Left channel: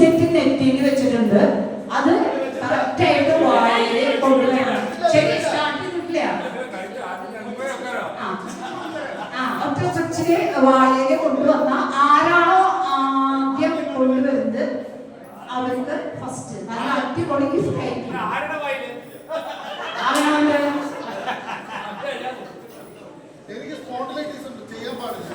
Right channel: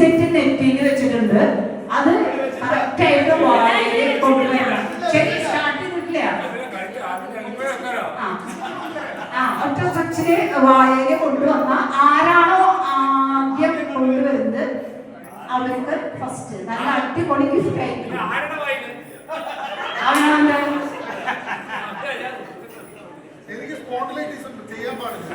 Set നെറ്റിയിൽ വെച്ചിട്ടുണ്ട്. അത് കറക്റ്റ് ആയിട്ട് വാഴയിൽ കൊണ്ടുവരണം. ശരി സ്റ്റാർട്ട് ചെയ്തിട്ടില്ല? ആ. ഒറ്റ സെക്ഷന് വാഴയിൽ കൊണ്ടുവന്ന ആരാണോ ആദ്യം കൊണ്ടുവരുന്നത്? അവർക്ക് ഫസ്റ്റ് നല്ല അടിപൊളി ഗിഫ്റ്റ് ആയിരിക്കും. എനിക്ക് സ്പോട്ടിലേക്ക് ചെയ്യാൻ പാടില്ല.